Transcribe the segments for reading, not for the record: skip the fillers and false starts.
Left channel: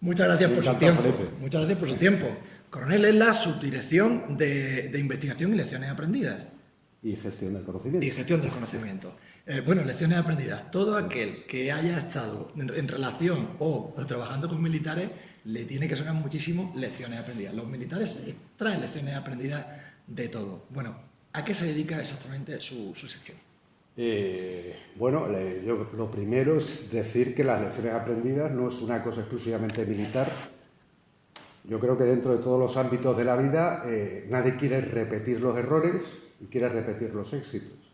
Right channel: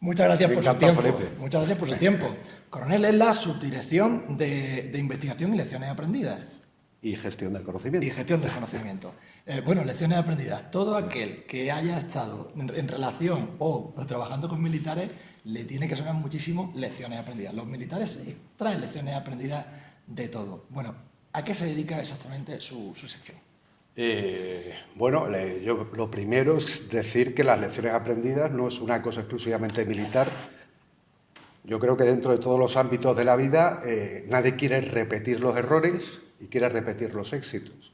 Muchas gracias por su encantado, tiempo. Felipe. Muchas gracias por su tiempo. Coronel, es la Subdirección de Investigación y Lecciones Aprendidas Y gestión del y conocimiento. Gestión del Conocimiento. Bueno, lecciones aprendidas. Todo aquel que haya estado en relación o trabajando con militares le tiene que sonar muchísimo lecciones aprendidas. Los militares extraen lecciones aprendidas de todo. Bueno, ¿a qué se dedica exactamente su sección? Yo lo primero es decir que las lecciones aprendidas no es una cosa exclusivamente militar. Yo creo que dentro de todos los ámbitos de la vida nadie quiere repetir los errores y quiere repetir los éxitos.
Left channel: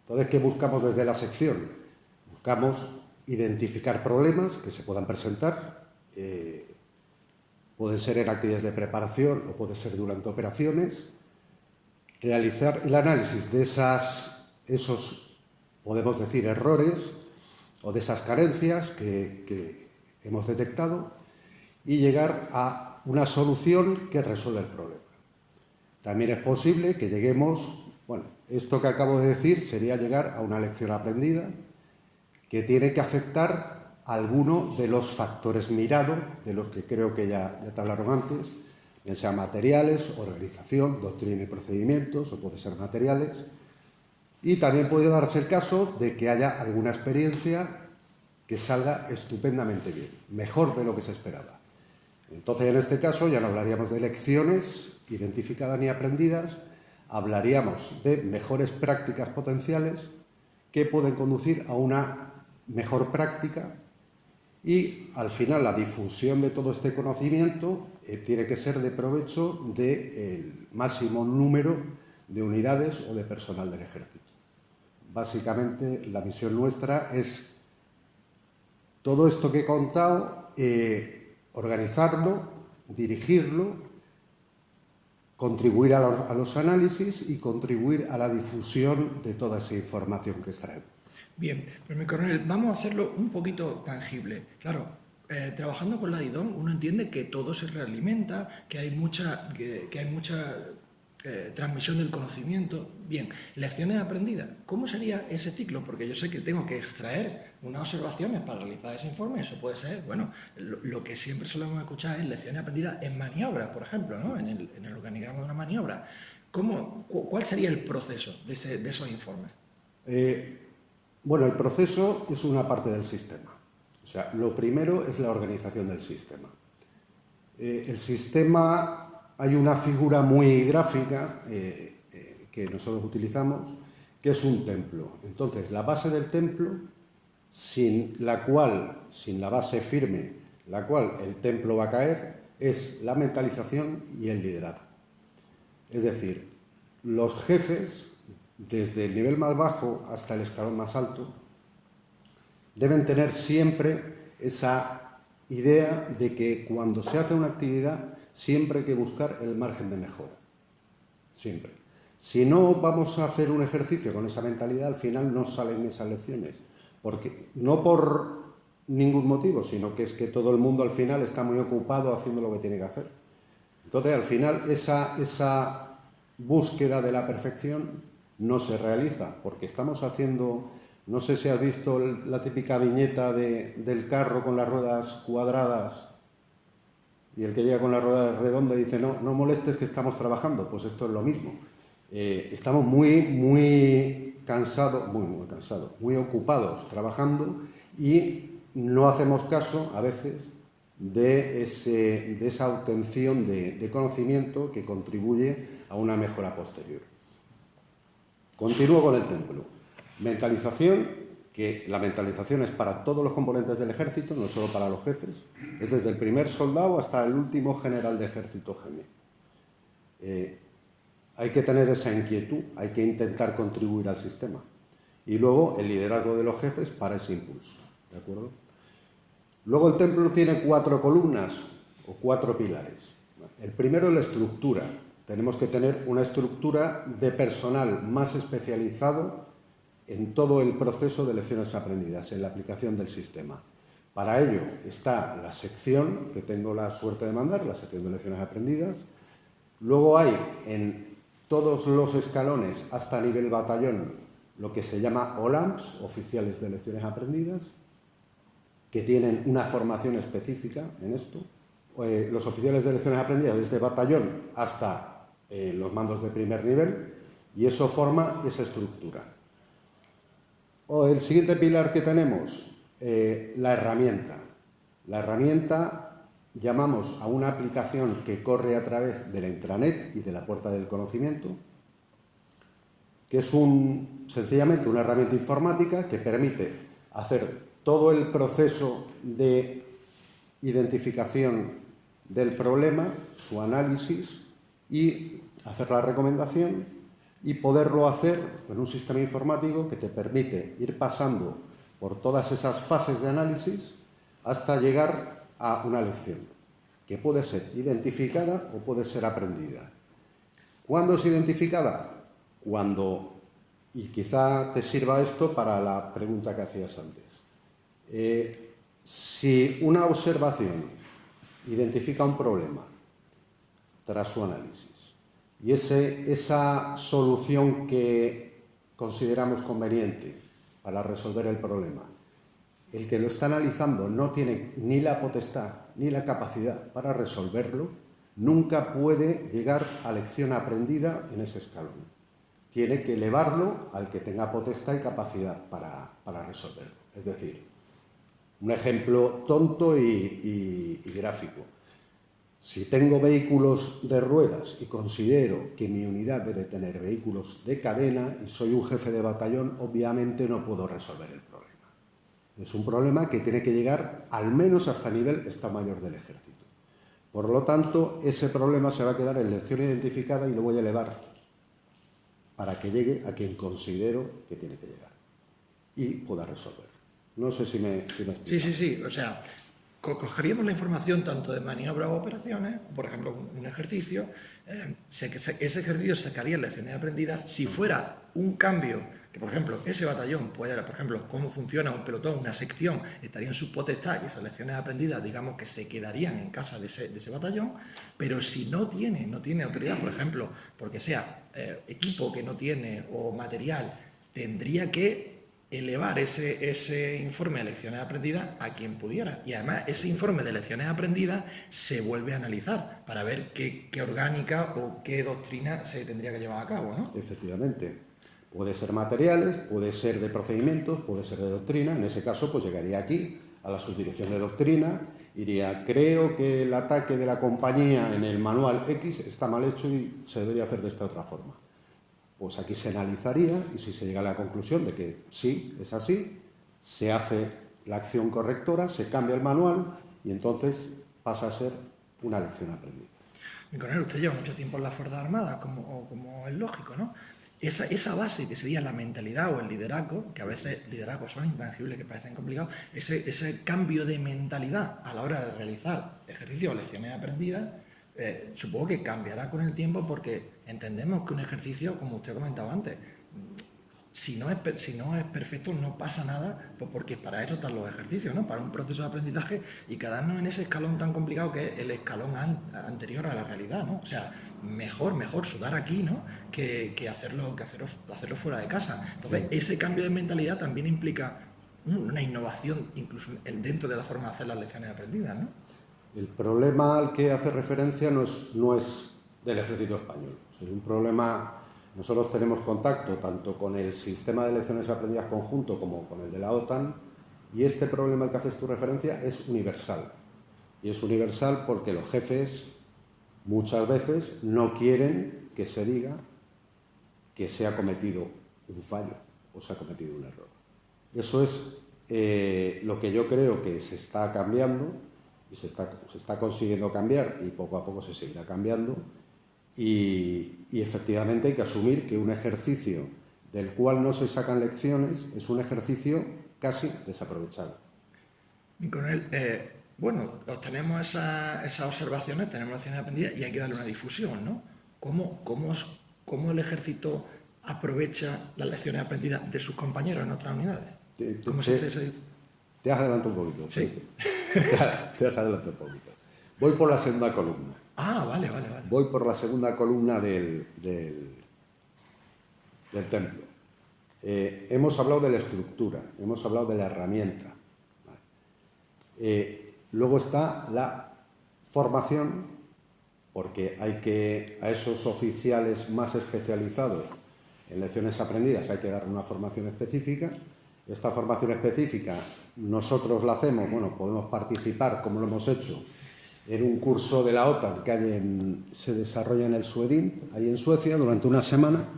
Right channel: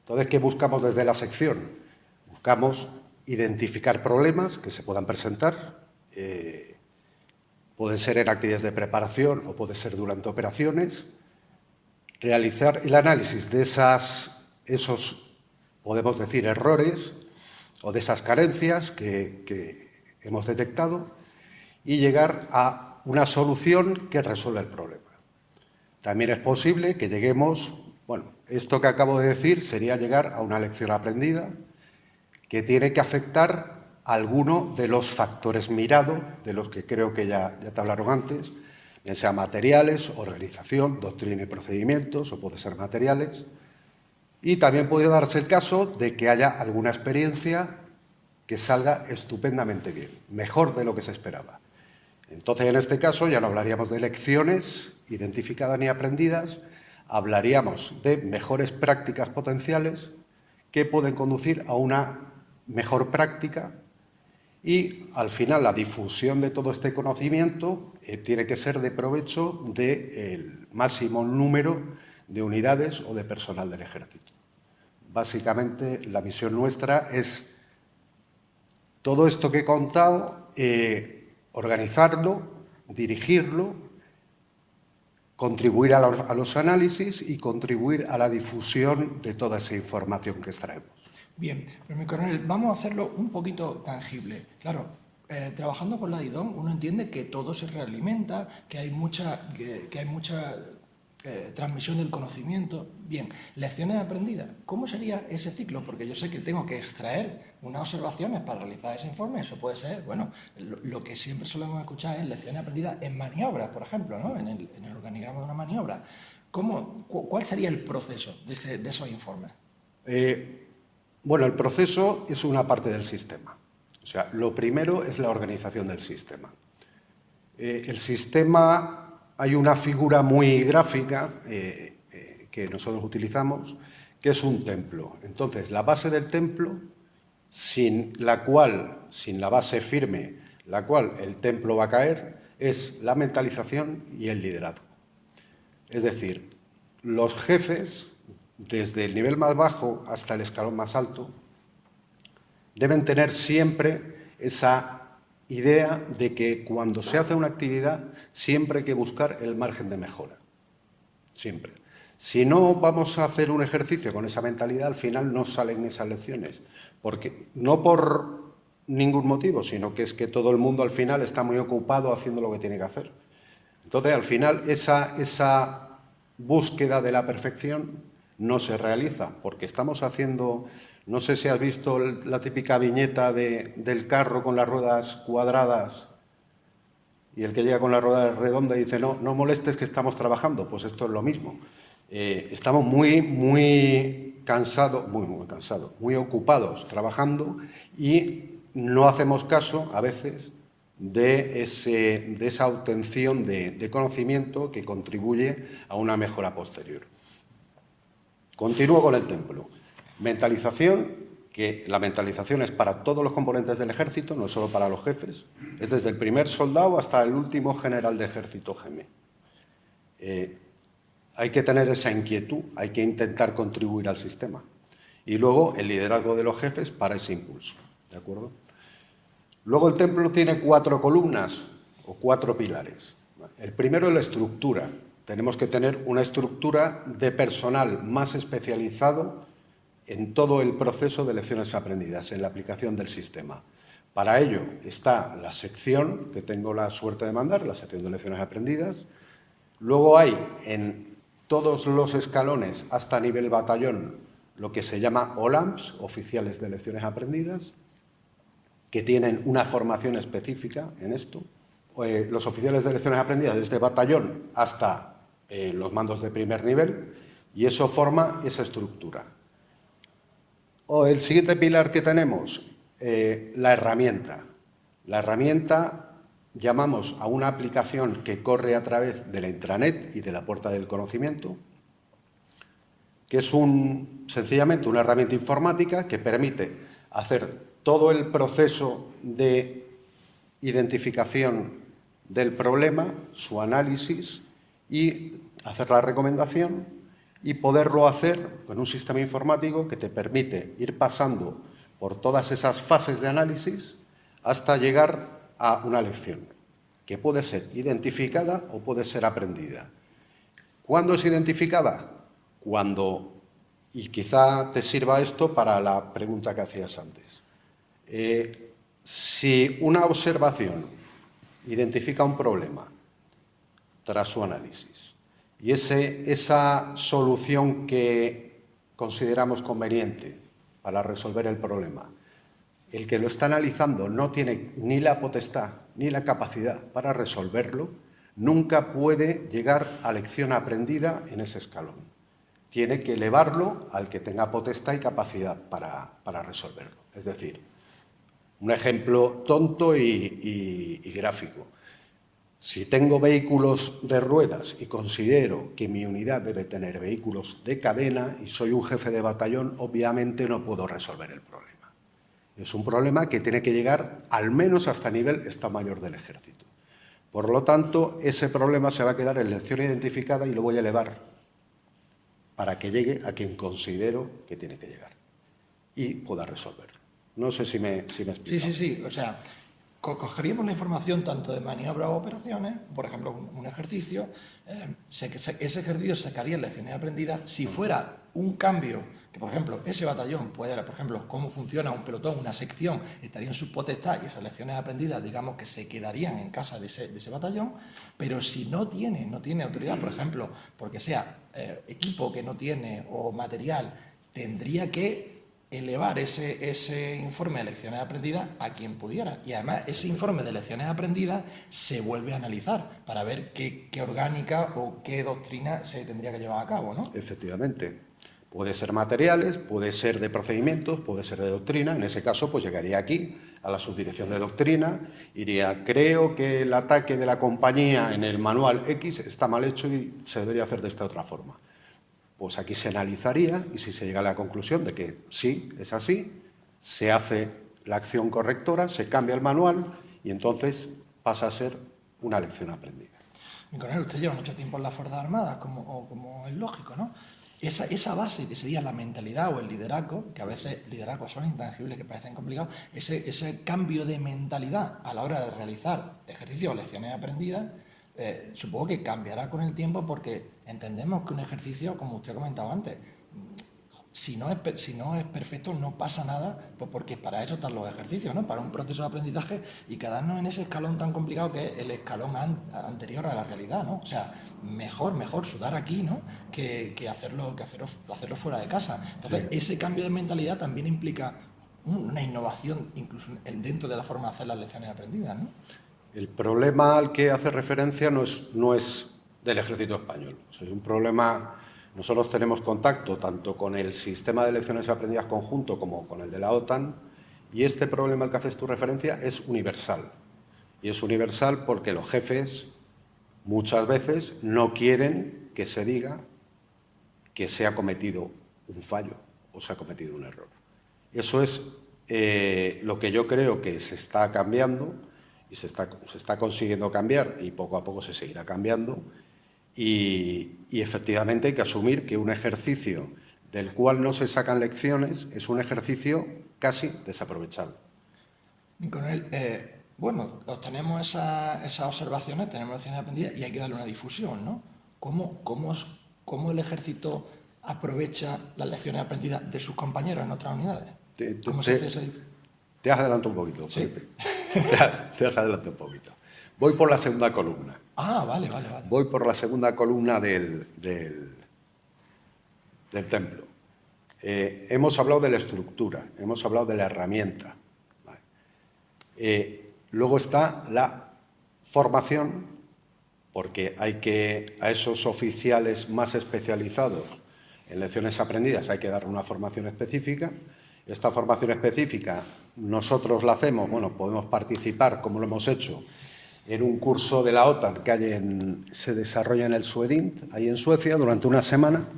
Entonces, ¿qué buscamos desde la sección? Buscamos identificar problemas que se puedan presentar, pueden ser en actividades de preparación o puede ser durante operaciones, realizar el análisis de esos, podemos decir, errores o de esas carencias que hemos detectado y llegar a una solución que resuelva el problema. También es posible que lleguemos, esto que acabo de decir sería llegar a una lección aprendida que tiene que afectar a alguno de los factores mirados, de los que creo que ya te hablaron antes, ya sean materiales, organización, doctrina y procedimientos, o puede ser materiales. Y también puede darse el caso de que haya alguna experiencia que salga estupendamente bien, mejor de lo que se esperaba. Entonces, en este caso, ya no hablaríamos de lecciones identificadas ni aprendidas, hablaríamos de mejores prácticas potenciales que pueden conducir a una mejor práctica y, al final, la difusión de todo este conocimiento tiene que ser de provecho del máximo número de unidades o de personal del Ejército. Básicamente, la misión nuestra es todo esto que he contado, organizarlo, dirigirlo, contribuir a los análisis y contribuir a la difusión de toda esa información que extraemos. Bien, pues mi coronel, vamos a hacerlo un poquito tangible. Claro, trabajando con la DIDOM uno entiende que todo se realimenta, que hay mucha transmisión del conocimiento. Bien, lecciones aprendidas. ¿Cómo sería ese ciclo? Porque yo sé que tengo que extraer unas observaciones para realizar ese informe. Eso puede ser, lo que siempre solemos escuchar es lecciones aprendidas en maniobras, por ejemplo, ¿no? En el organigrama de una maniobra. ¿Cuál sería el proceso de esos informes? El proceso es una parte del sistema. O sea, lo primero es la organización del sistema. El sistema, hay una figura muy gráfica que nosotros utilizamos, que es un templo. Entonces, la base del templo, sin la base firme, la cual el templo va a caer, es la mentalización y el liderazgo. Es decir, los jefes, desde el nivel más bajo hasta el escalón más alto, deben tener siempre esa idea de que cuando se hace una actividad siempre hay que buscar el margen de mejora. Siempre. Si no vamos a hacer un ejercicio con esa mentalidad, al final no salen esas lecciones. Porque, no por ningún motivo, sino que es que todo el mundo al final está muy ocupado haciendo lo que tiene que hacer. Entonces, al final, esa búsqueda de la perfección no se realiza, porque estamos haciendo, no sé si has visto la típica viñeta del carro con las ruedas cuadradas y el que llega con la rueda redonda y dice, no molestes que estamos trabajando. Pues esto es lo mismo. Estamos muy cansados, muy ocupados trabajando y no hacemos caso a veces de esa obtención de conocimiento que contribuye a una mejora posterior. Continúo con el templo. Mentalización, que la mentalización es para todos los componentes del ejército, no solo para los jefes, es desde el primer soldado hasta el último general de ejército GM. Hay que tener esa inquietud, hay que intentar contribuir al sistema. Y luego el liderazgo de los jefes para ese impulso, ¿de acuerdo? Luego el templo tiene 4 columnas o 4 pilares. El primero es la estructura. Tenemos que tener una estructura de personal más especializado en todo el proceso de lecciones aprendidas, en la aplicación del sistema. Para ello está la sección, que tengo la suerte de mandar, la sección de lecciones aprendidas. Luego hay en todos los escalones, hasta nivel batallón, lo que se llama OLAMPS, oficiales de lecciones aprendidas, que tienen una formación específica en esto. Los oficiales de lecciones aprendidas desde batallón hasta los mandos de primer nivel, y eso forma esa estructura. El siguiente pilar que tenemos, la herramienta. La herramienta, llamamos a una aplicación que corre a través de la intranet y de la puerta del conocimiento, que es sencillamente una herramienta informática que permite hacer todo el proceso de identificación del problema, su análisis y hacer la recomendación, y poderlo hacer con un sistema informático que te permite ir pasando por todas esas fases de análisis hasta llegar a una lección, que puede ser identificada o puede ser aprendida. ¿Cuándo es identificada? Cuando, y quizá te sirva esto para la pregunta que hacías antes, si una observación identifica un problema tras su análisis y esa solución que consideramos conveniente para resolver el problema, el que lo está analizando no tiene ni la potestad ni la capacidad para resolverlo, nunca puede llegar a lección aprendida en ese escalón. Tiene que elevarlo al que tenga potestad y capacidad para resolverlo. Es decir, un ejemplo tonto y gráfico. Si tengo vehículos de ruedas y considero que mi unidad debe tener vehículos de cadena y soy un jefe de batallón, obviamente no puedo resolver el problema. Es un problema que tiene que llegar al menos hasta nivel Estado Mayor del Ejército. Por lo tanto, ese problema se va a quedar en lección identificada y lo voy a elevar para que llegue a quien considero que tiene que llegar y pueda resolverlo. No sé si me explico. Sí. O sea, cogeríamos la información tanto de maniobras o operaciones, por ejemplo, un ejercicio, ese ejercicio sacaría lecciones aprendidas si fuera un cambio, que por ejemplo, ese batallón puede, por ejemplo, cómo funciona un pelotón, una sección, estaría en su potestad y esas lecciones aprendidas, digamos que se quedarían en casa de ese batallón, pero si no tiene autoridad, por ejemplo, porque sea equipo que no tiene o material, tendría que elevar ese informe de lecciones aprendidas a quien pudiera. Y además ese informe de lecciones aprendidas se vuelve a analizar para ver qué orgánica o qué doctrina se tendría que llevar a cabo, ¿no? Efectivamente. Puede ser materiales, puede ser de procedimientos, puede ser de doctrina. En ese caso, pues llegaría aquí a la subdirección de doctrina, iría, creo que el ataque de la compañía en el manual X está mal hecho y se debería hacer de esta otra forma. Pues aquí se analizaría y si se llega a la conclusión de que sí, es así, se hace la acción correctora, se cambia el manual y entonces pasa a ser una lección aprendida. Mi coronel, usted lleva mucho tiempo en las Fuerzas Armadas, como es lógico, ¿no? Esa base que sería la mentalidad o el liderazgo, que a veces liderazgos son intangibles, que parecen complicados, ese cambio de mentalidad a la hora de realizar ejercicios o lecciones aprendidas, supongo que cambiará con el tiempo porque entendemos que un ejercicio, como usted comentaba antes, si no es perfecto no pasa nada, pues porque para eso están los ejercicios, ¿no? Para un proceso de aprendizaje y quedarnos en ese escalón tan complicado que es el escalón anterior a la realidad, ¿no? O sea, mejor sudar aquí, ¿no? Que hacerlo fuera de casa. Entonces, sí, ese cambio de mentalidad también implica una innovación incluso dentro de la forma de hacer las lecciones aprendidas, ¿no? El problema al que hace referencia no es del ejército español. O sea, es un problema. Nosotros tenemos contacto tanto con el sistema de lecciones aprendidas conjunto como con el de la OTAN, y este problema al que haces tu referencia es universal. Y es universal porque los jefes muchas veces no quieren que se diga que se ha cometido un fallo o se ha cometido un error. Eso es lo que yo creo que se está cambiando y se está consiguiendo cambiar y poco a poco se seguirá cambiando. Y efectivamente hay que asumir que un ejercicio del cual no se sacan lecciones es un ejercicio casi desaprovechado. Mi coronel, bueno, obtenemos esas observaciones, tenemos lecciones aprendidas y hay que darle una difusión, ¿no? ¿Cómo el ejército aprovecha las lecciones aprendidas de sus compañeros en otras unidades? ¿Cómo se hace ese? Te has adelantado un poquito. Sí. Te has adelantado un poquito. Voy por la segunda columna. Ah, vale. Voy por la segunda columna del templo. Hemos hablado de la estructura, hemos hablado de la herramienta. Vale. Luego está la formación, porque a esos oficiales más especializados en lecciones aprendidas hay que dar una formación específica. Esta formación específica nosotros la hacemos, podemos participar, como lo hemos hecho, en un curso de la OTAN que se desarrolla en el Swedint, ahí en Suecia, durante una semana,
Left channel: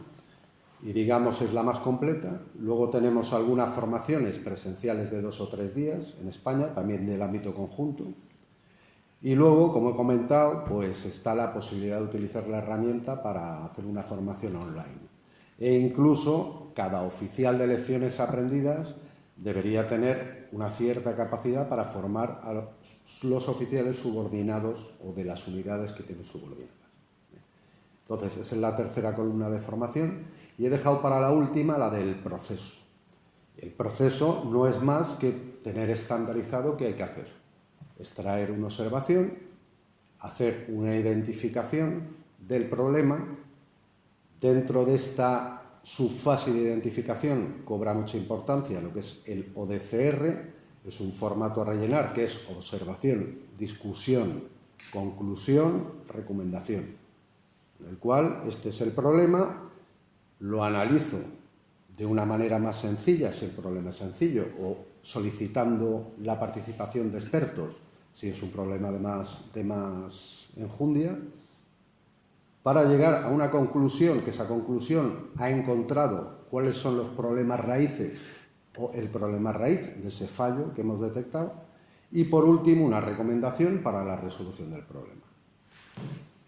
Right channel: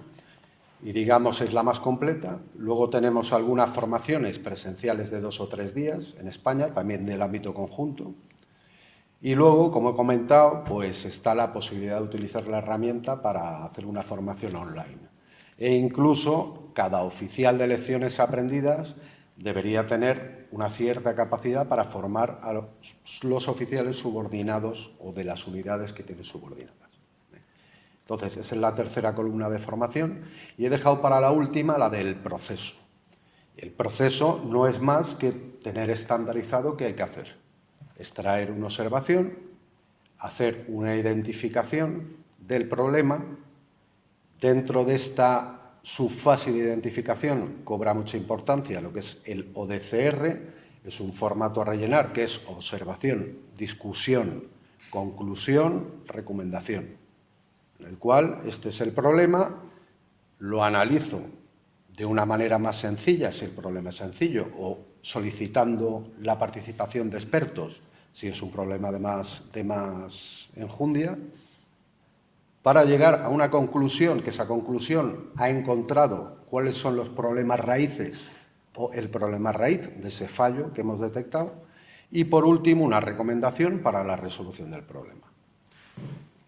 y digamos es la más completa. Luego tenemos algunas formaciones presenciales de 2 o 3 días en España, también del ámbito conjunto. Y luego, como he comentado, pues está la posibilidad de utilizar la herramienta para hacer una formación online. E incluso cada oficial de lecciones aprendidas debería tener una cierta capacidad para formar a los oficiales subordinados o de las unidades que tienen subordinadas. Entonces, esa es la tercera columna de formación y he dejado para la última la del proceso. El proceso no es más que tener estandarizado qué hay que hacer. Extraer una observación, hacer una identificación del problema. Dentro de esta subfase de identificación cobra mucha importancia lo que es el ODCR, es un formato a rellenar que es observación, discusión, conclusión, recomendación, en el cual este es el problema, lo analizo de una manera más sencilla si el problema es sencillo o solicitando la participación de expertos si es un problema de más enjundia, para llegar a una conclusión, que esa conclusión ha encontrado cuáles son los problemas raíces o el problema raíz de ese fallo que hemos detectado y, por último, una recomendación para la resolución del problema.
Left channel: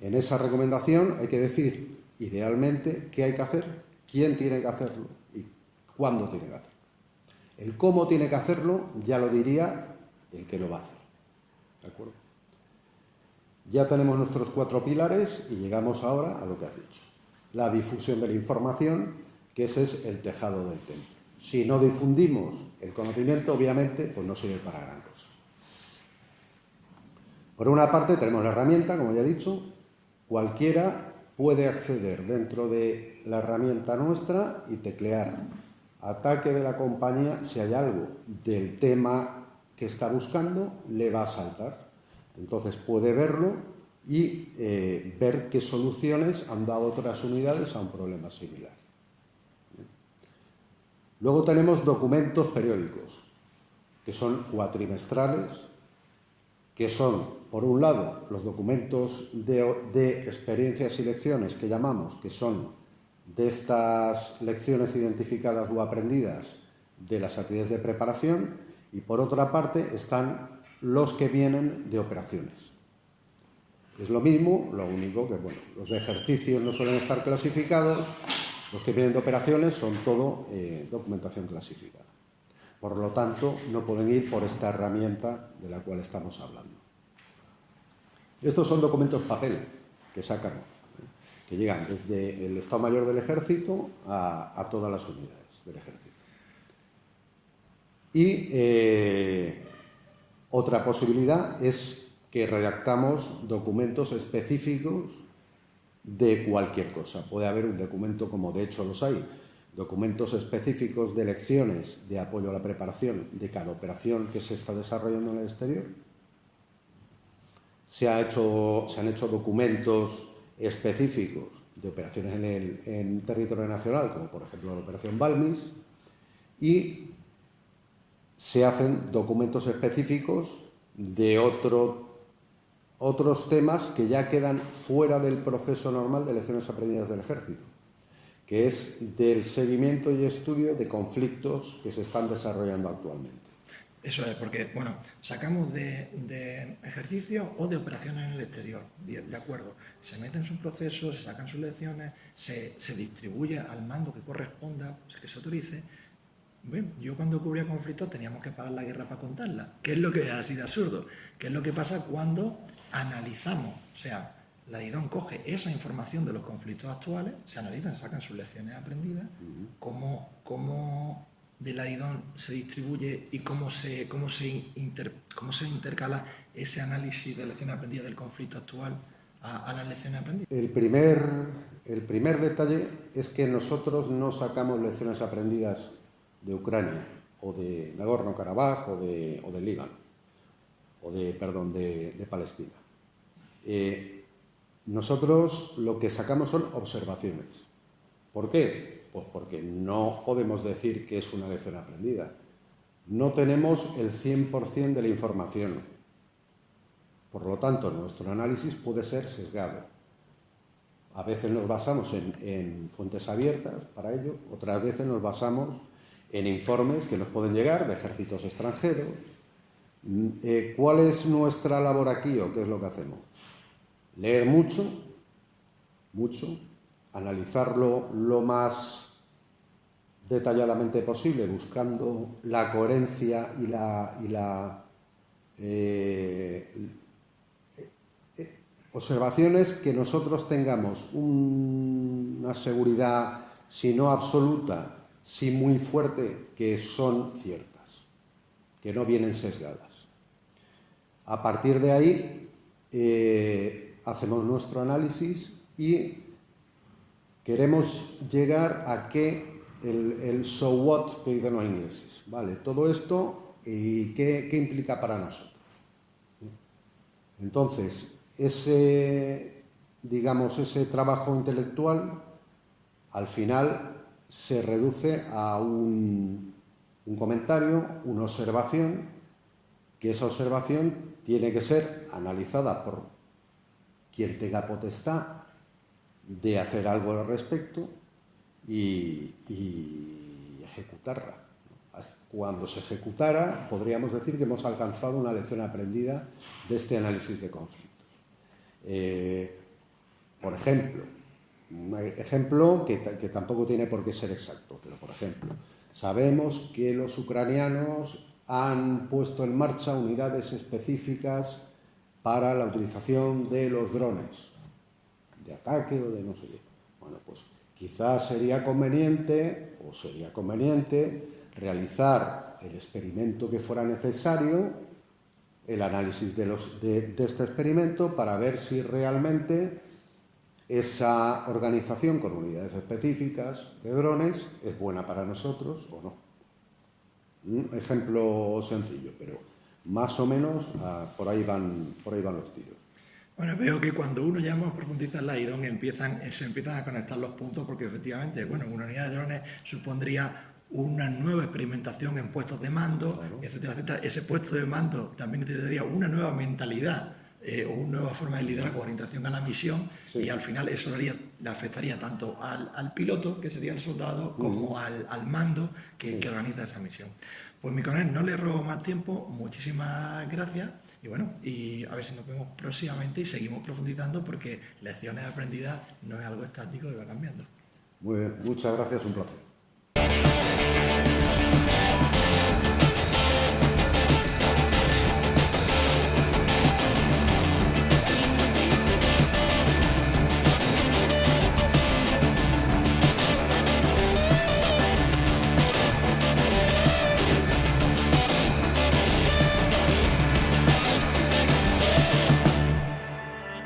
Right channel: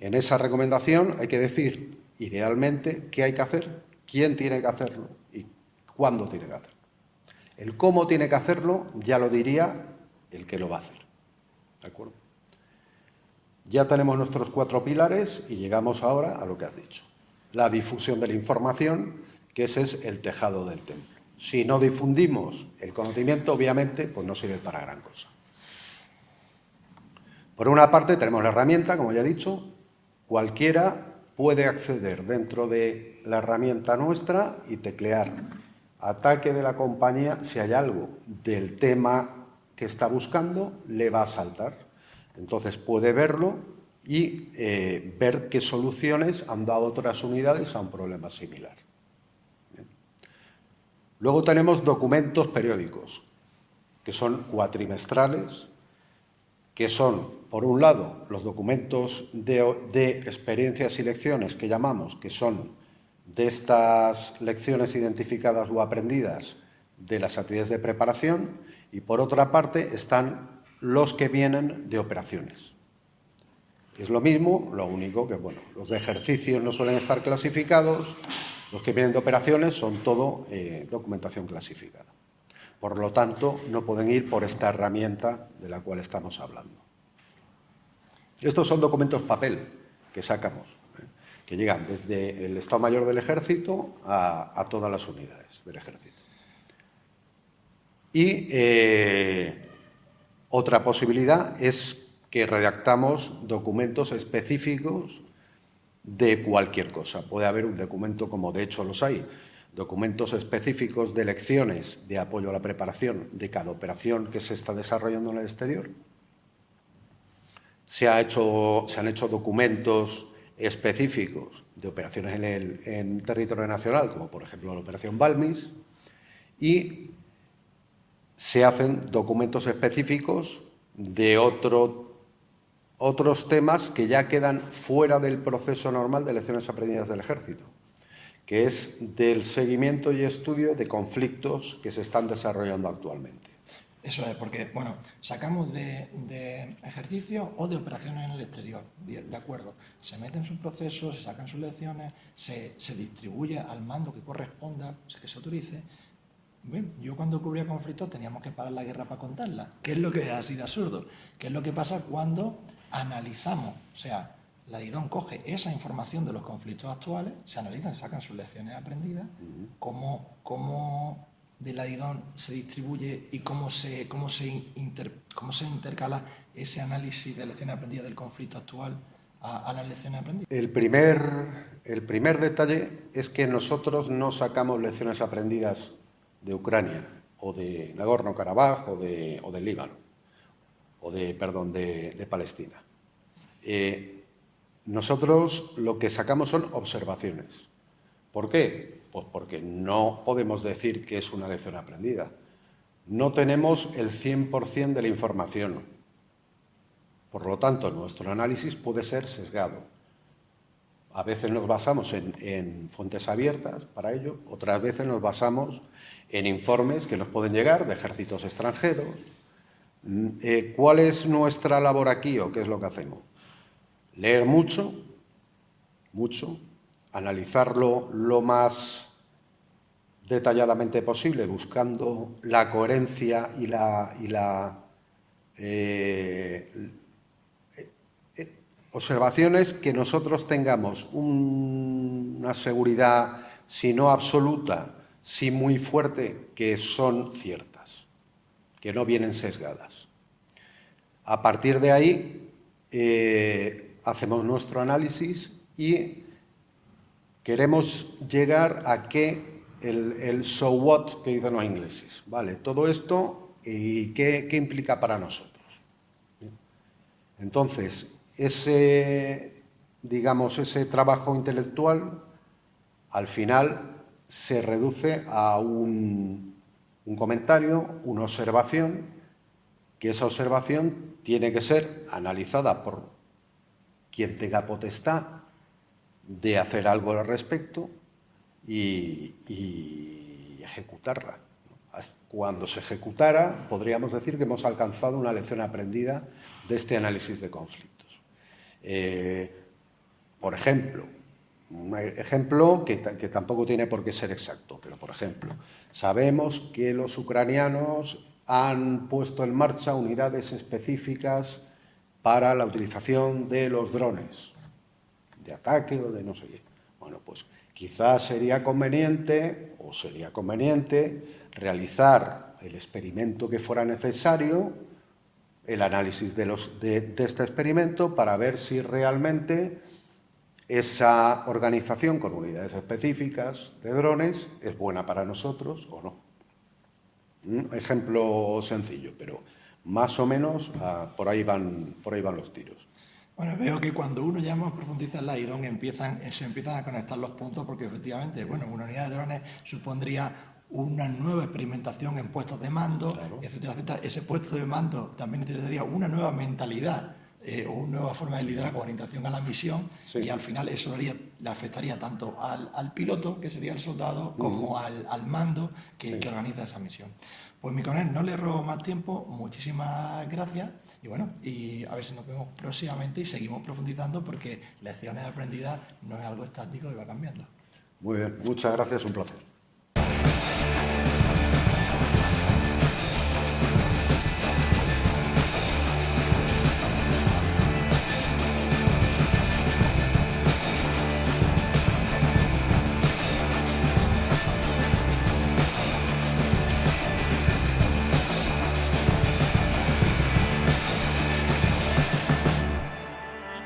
En esa recomendación hay que decir, idealmente, qué hay que hacer, quién tiene que hacerlo y cuándo tiene que hacerlo. El cómo tiene que hacerlo ya lo diría el que lo va a hacer. ¿De acuerdo? Ya tenemos nuestros 4 pilares y llegamos ahora a lo que has dicho. La difusión de la información, que ese es el tejado del templo. Si no difundimos el conocimiento, obviamente, pues no sirve para gran cosa. Por una parte tenemos la herramienta, como ya he dicho. Cualquiera puede acceder dentro de la herramienta nuestra y teclear ataque de la compañía. Si hay algo del tema que está buscando, le va a saltar. Entonces puede verlo y ver qué soluciones han dado otras unidades a un problema similar. Bien. Luego tenemos documentos periódicos, que son cuatrimestrales, que son, por un lado, los documentos de experiencias y lecciones que llamamos, que son de estas lecciones identificadas o aprendidas de las actividades de preparación, y por otra parte están los que vienen de operaciones. Es lo mismo, lo único que, los de ejercicios no suelen estar clasificados, los que vienen de operaciones son todo documentación clasificada. Por lo tanto, no pueden ir por esta herramienta de la cual estamos hablando. Estos son documentos papel que sacamos, que llegan desde el Estado Mayor del Ejército a todas las unidades del Ejército. Y otra posibilidad es que redactamos documentos específicos de cualquier cosa. Puede haber un documento, como de hecho los hay, documentos específicos de lecciones de apoyo a la preparación de cada operación que se está desarrollando en el exterior. Se han hecho documentos específicos de operaciones en territorio nacional, como por ejemplo la operación Balmis, y se hacen documentos específicos de otros temas que ya quedan fuera del proceso normal de lecciones aprendidas del Ejército, que es del seguimiento y estudio de conflictos que se están desarrollando actualmente. Eso es, porque, sacamos de ejercicio o de operaciones en el exterior, bien, de acuerdo. Se meten sus procesos, se sacan sus lecciones, se distribuye al mando que corresponda, que se autorice. Bien, yo cuando cubría conflictos teníamos que parar la guerra para contarla. ¿Qué es lo que ha sido absurdo? ¿Qué es lo que pasa cuando analizamos? O sea, la IDON coge esa información de los conflictos actuales, se analizan, se sacan sus lecciones aprendidas, cómo de la IDON se distribuye y cómo se intercala ese análisis de lecciones aprendidas del conflicto actual a las lecciones aprendidas. El primer detalle es que nosotros no sacamos lecciones aprendidas de Ucrania o de Nagorno-Karabaj o del Líbano. de Palestina. Nosotros lo que sacamos son observaciones. ¿Por qué? Pues porque no podemos decir que es una lección aprendida. No tenemos el 100% de la información. Por lo tanto, nuestro análisis puede ser sesgado. A veces nos basamos en fuentes abiertas para ello, otras veces nos basamos en informes que nos pueden llegar de ejércitos extranjeros. ¿Cuál es nuestra labor aquí o qué es lo que hacemos? Leer mucho, analizarlo lo más detalladamente posible, buscando la coherencia y observaciones que nosotros tengamos una seguridad, si no absoluta, si muy fuerte, que son ciertas, que no vienen sesgadas. A partir de ahí hacemos nuestro análisis y queremos llegar a que el so what que dicen los ingleses, ¿vale? Todo esto y qué implica para nosotros. Entonces, ese trabajo intelectual al final se reduce a un comentario, una observación, que esa observación tiene que ser analizada por quien tenga potestad de hacer algo al respecto y ejecutarla. Cuando se ejecutara, podríamos decir que hemos alcanzado una lección aprendida de este análisis de conflictos. Por ejemplo, un ejemplo que tampoco tiene por qué ser exacto, pero por ejemplo, sabemos que los ucranianos han puesto en marcha unidades específicas para la utilización de los drones, de ataque o de no sé qué. Bueno, pues quizás sería conveniente realizar el experimento que fuera necesario, el análisis de este experimento para ver si realmente esa organización con unidades específicas de drones es buena para nosotros o no. Un ejemplo sencillo, pero más o menos por ahí van los tiros. Bueno, veo que cuando uno ya más profundiza en la IDON se empiezan a conectar los puntos porque efectivamente, bueno, una unidad de drones supondría una nueva experimentación en puestos de mando, claro, etcétera, etcétera. Ese puesto de mando también necesitaría una nueva mentalidad o una nueva forma de liderazgo, orientación a la misión, sí, y al final eso le afectaría tanto al piloto, que sería el soldado, como al mando que organiza esa misión. Pues mi coronel, no le robo más tiempo, muchísimas gracias y bueno, y a ver si nos vemos próximamente y seguimos profundizando porque lecciones aprendidas no es algo estático y va cambiando. Muy bien, muchas gracias, un placer.